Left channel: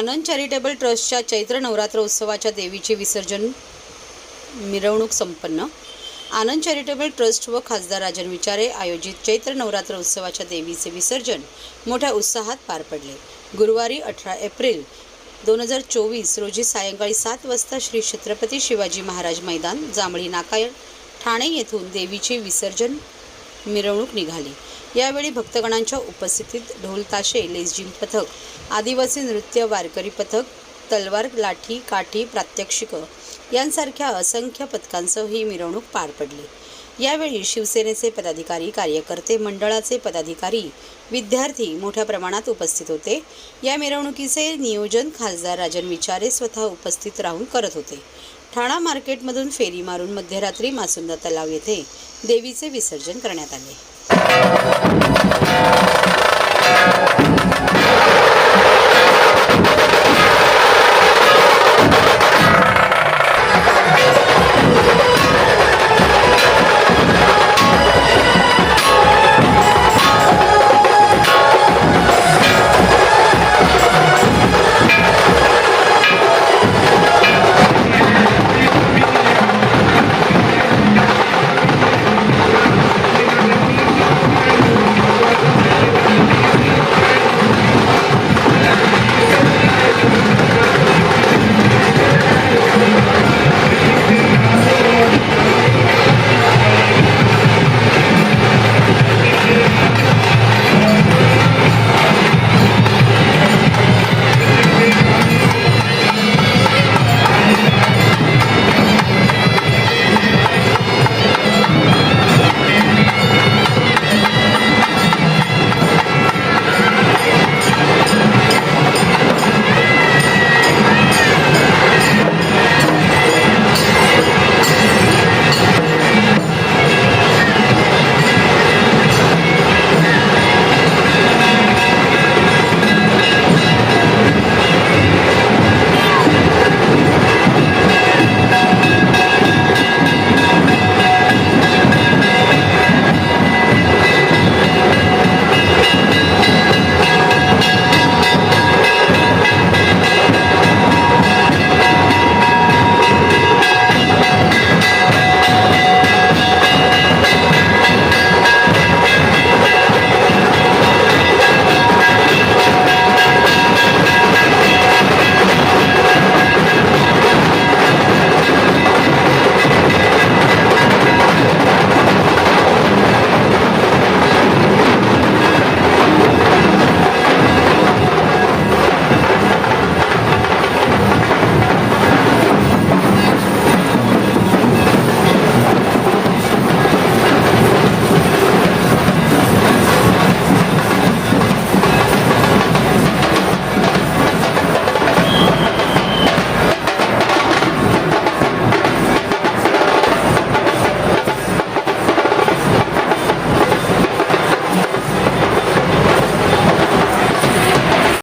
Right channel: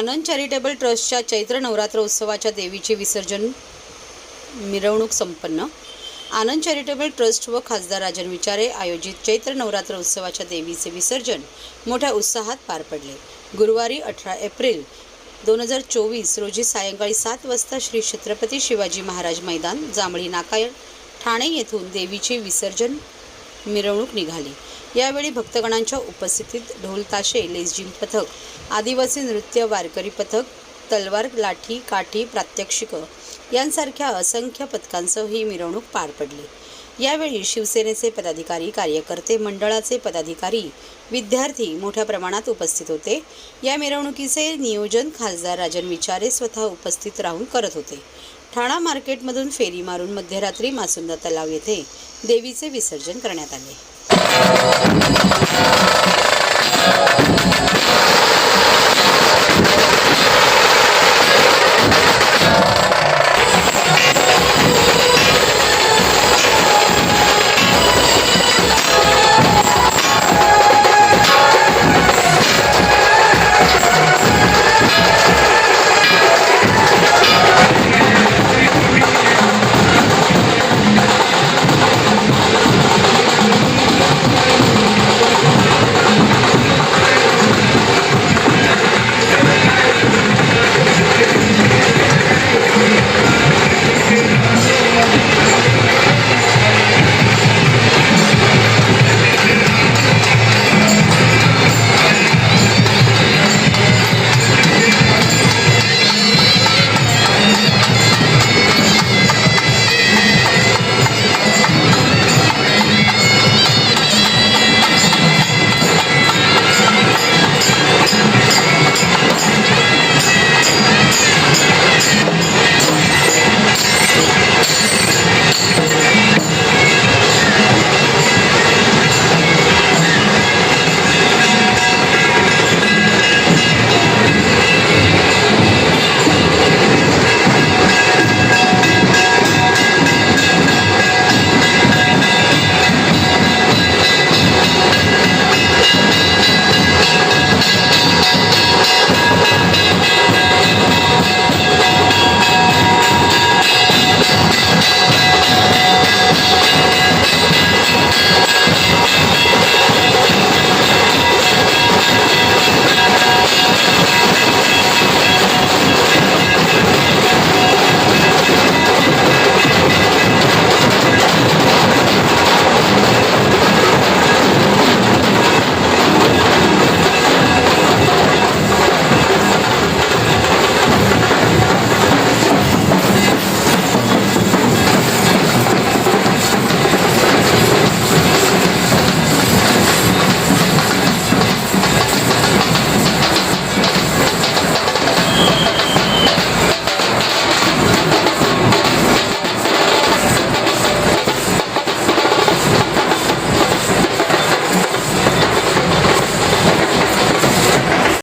आनंद charitable ट्रस्टच्या चैत्र नवरात्र उत्सवाच्या देवीचे विसर्जन मिरवणूक संपन्न. आनंद चॅरिटेबल ट्रस्ट व खासदार राजन विचारे आयोजित चैत्र नवरात्र उत्सवाच्या देवीचे विसर्जन मोठ्या उत्साहात पार पडले. गुरुवारी अठरा एप्रिल दोन हजार चोवीस रोजी सायंकाळी सात वाजता श्री छत्रपती शिवाजी महाराज मैदान जांभळी नाका ठाणे येथून देवीचे विसर्जन मिरवणूक निघाली. यावेळी भक्तगणांच्या उपस्थितीत ढोल ताशे लेझिम पथक आदिवासी नृत्य वारकरी पथक तलवार लाठी काठी प्रात्यक्षिकं यांसारख्या असंख्य पथकांसह ही मिरवणूक पार पडली. यावेळी शिवसेनेचे पदाधिकारी कार्यकर्ते मंडळाचे पदाधिकारी विद्यार्थी मोठ्या प्रमाणात उपस्थित होते. या मिरवणुकीचे नियोजन खासदार राजन विचारे स्वतः उपस्थित राहून करत होते. ठाणा मार्केटमधून फेरी मारून मध्यरात्री मासुंदा तलाव येथे देवीचे विसर्जन करण्यात आले. Thank you. Ha ha ha!